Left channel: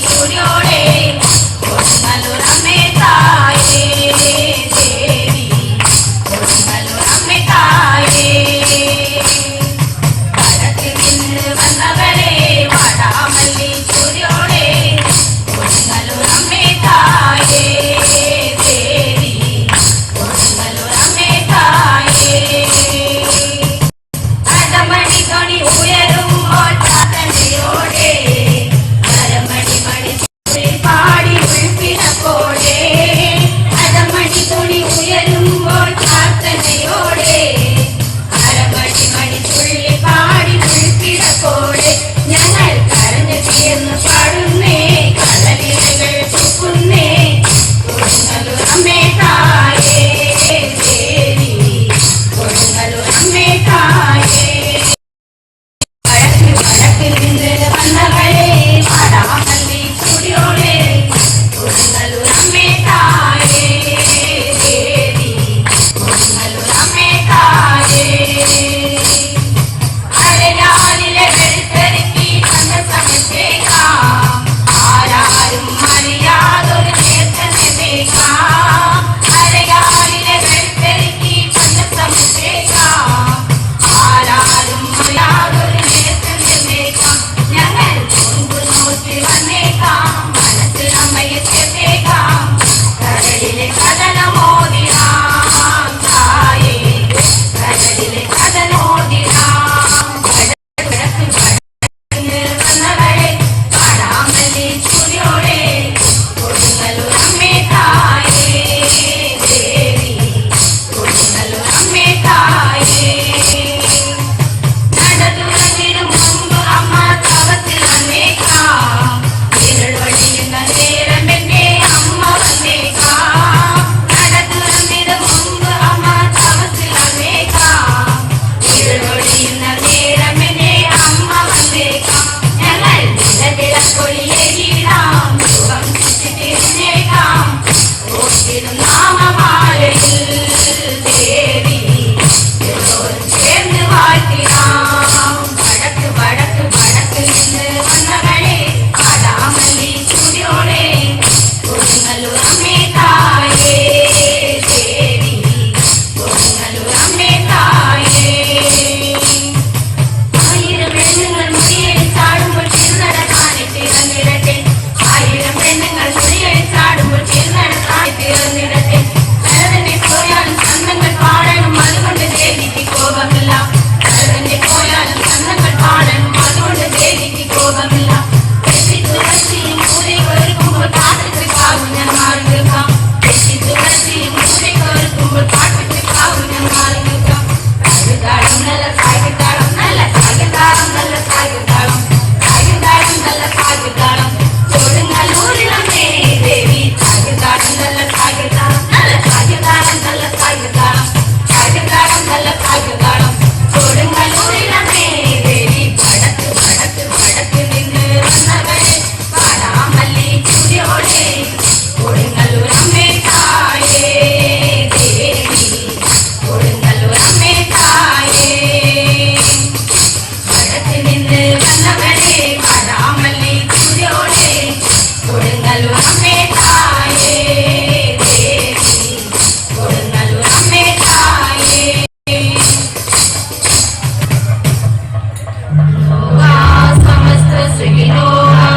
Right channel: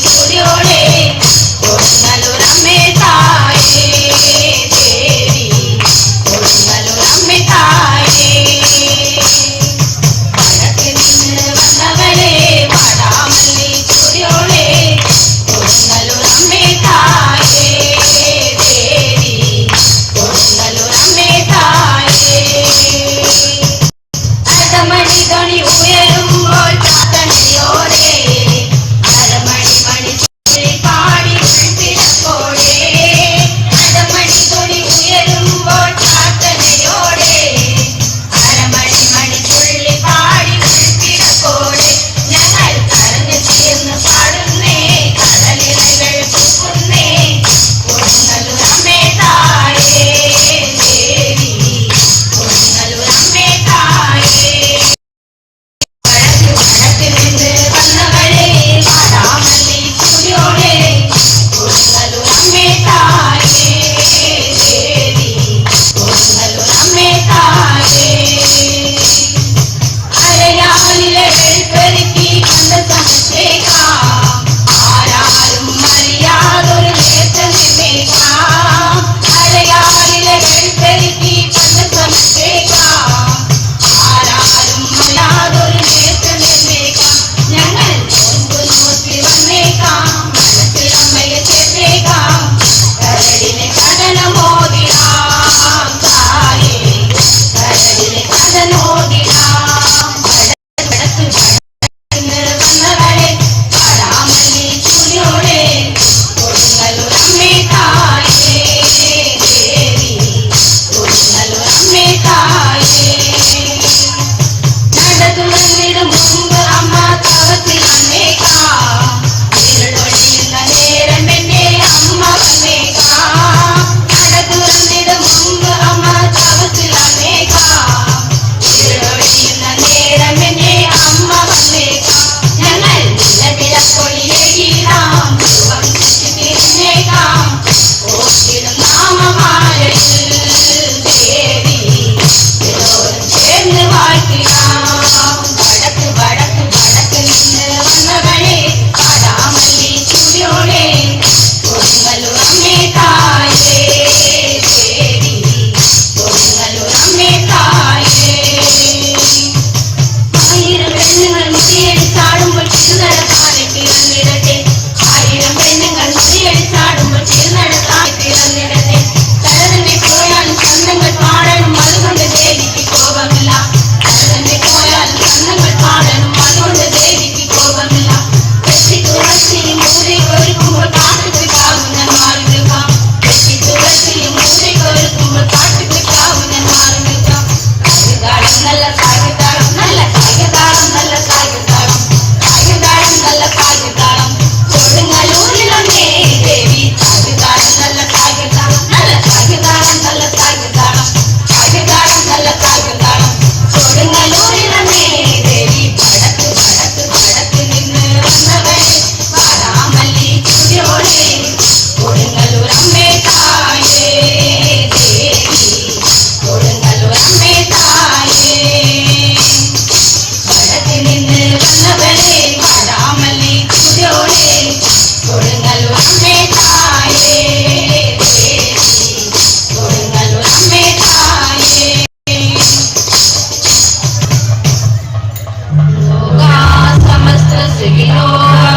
Julio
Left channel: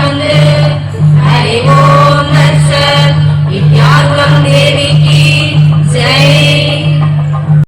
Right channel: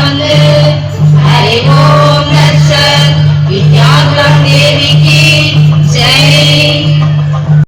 Hallelujah.